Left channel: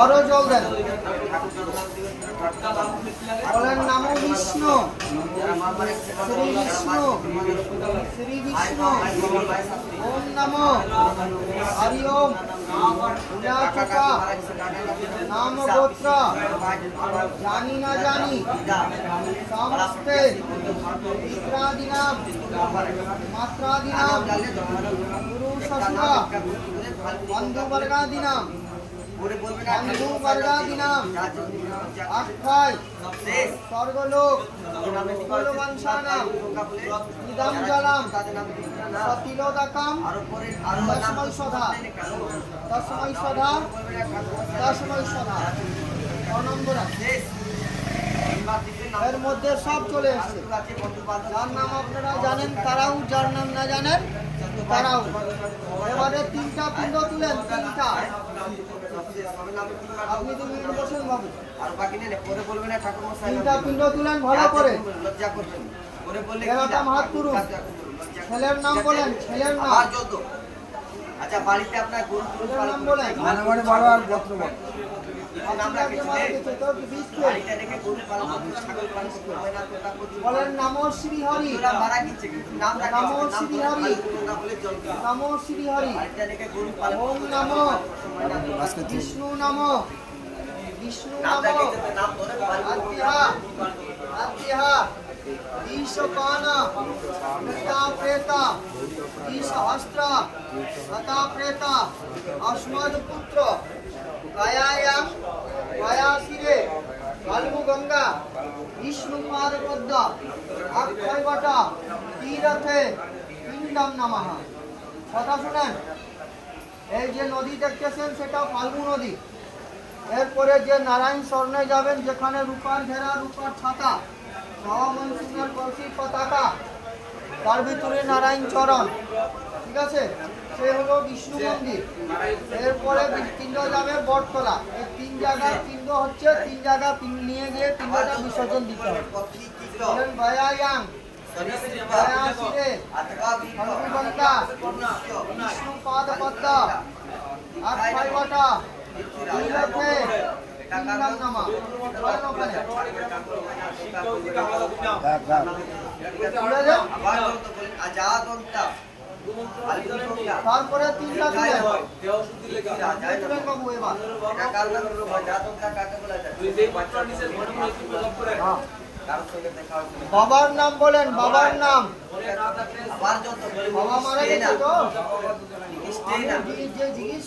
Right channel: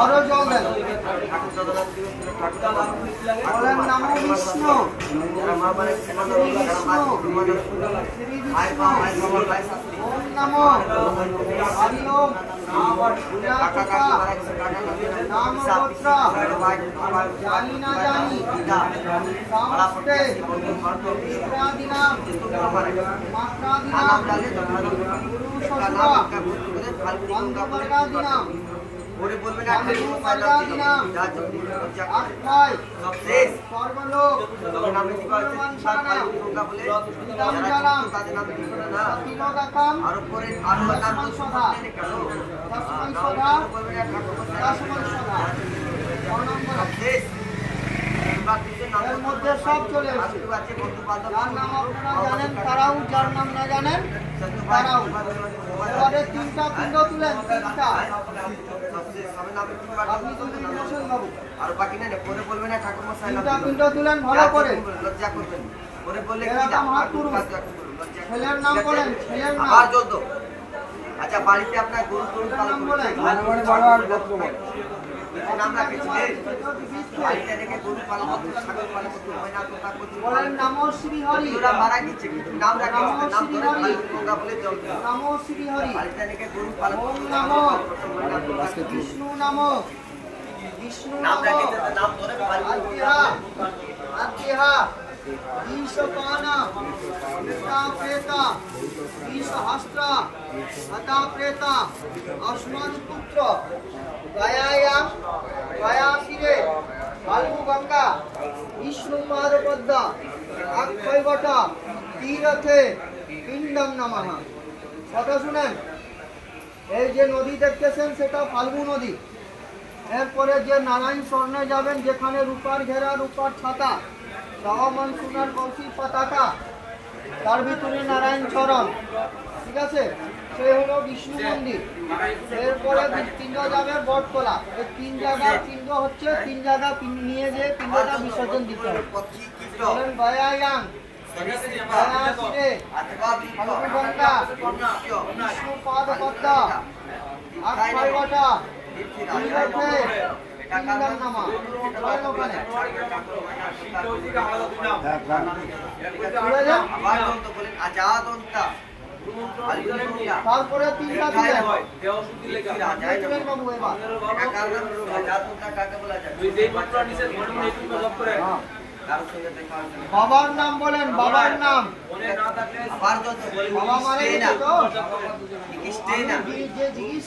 আরো জল দেন। বলেন নমো বিষ্ণু, শ্রী বিষ্ণু, শ্রী বিষ্ণু। ওম নমো হরি ওম গুণাচকা নাম গোত্র জানি না জানি সমস্তে পিত্রাদিনাম মাত্রাদিনাম গুরু শ্বশুরা বন্ধুবর্গাদিনাম বন্ধুবর্গাদিনাম আখ্যায় স্বর্গলোক বংশানাম ইদম জলম সতিলোদকম তস্मै সদা তস্मै সদা তস্मै সদা। এর মধ্যে সব চলে এসেছে। যার নাম আপনারা জানেন তারাও, যার নাম না জানেন তারাও। এবারে তিনটা পিণ্ড তুলেন, তিনটা। আপনি তুলবেন বসেন বাবু। আর বাকি না পরে বলবেন না ঠাকুর মশাই তিনটা পিণ্ড তুলেন ভালো করে, লজ্জা করবেন। পরে বললে এরকম হাত তুলুন। ছেলের নাম বলেন, ছেলের নাম। আবার জল দাও। আচ্ছা বাড়িতে আপনার গরু টরু পালন বলেন, নাম রাখেছিলেন বাড়িতে রেখে গরু পালন করতে, ছাগল পালন করতে হয় না, তোতা করতে বলেন নমো শ্রী হরি। ওরা মারা গেছে কিন্তু নাম রাখে, নাম ধরে তোমরা বলে জল দাও। নমো শ্রী হরি। বাড়িতে রেখে গরু পালন ওম করতে নমো হয় না, বিষ্ণু নমো বিষ্ণু নাম নমো রাখে যাতে নাম ধরে আদ্যহা আদ্যহা ঈশপান কৃতা প্রেতা ঈশহস্ত্র হতা প্রেতা অস্মদ পুত্র গয়ায়াম গয়াশিরে ফাল্গু গঙ্গা বিষ্ণু পাদপদ্ম অক্ষয় ঘটা তীরথে পিণ্ডম নমঃ। কথা শুনেন, এই যে নদী দেখতেছেন সেটা ফাল্গু নদী। এরপরে যে নারায়ণ স্বর্ণে যাবেন, যেখানে রূপার ঘেরা, রূপার ছাতা, সহমন সোনার কলসি পতাকা, তার ভিতরে নারায়ণ চরণ, ঠিক আছে, সেই হলো বিষ্ণু মন্দির। এরপরে পিণ্ড যাবে বটতলা। এই তিন জায়গার পিণ্ড হচ্ছে, তিন জায়গা নিয়ে গিয়ে পিণ্ডটা বিসর্জন দিতে হবে। বলেন ভয়ায়াং ভয়াশিরে হনুমন্তা বিষ্ণু পাদপদ্ম অক্ষয় ঘটা তীরথে পিণ্ডম নমঃ। বলেন ওখানে। তারপরে তিনটা দিলেন বাবু। এবার বাবার নাম বলেন, বাবার নাম। বাবা মারা গেছে তো, যে জিজ্ঞেস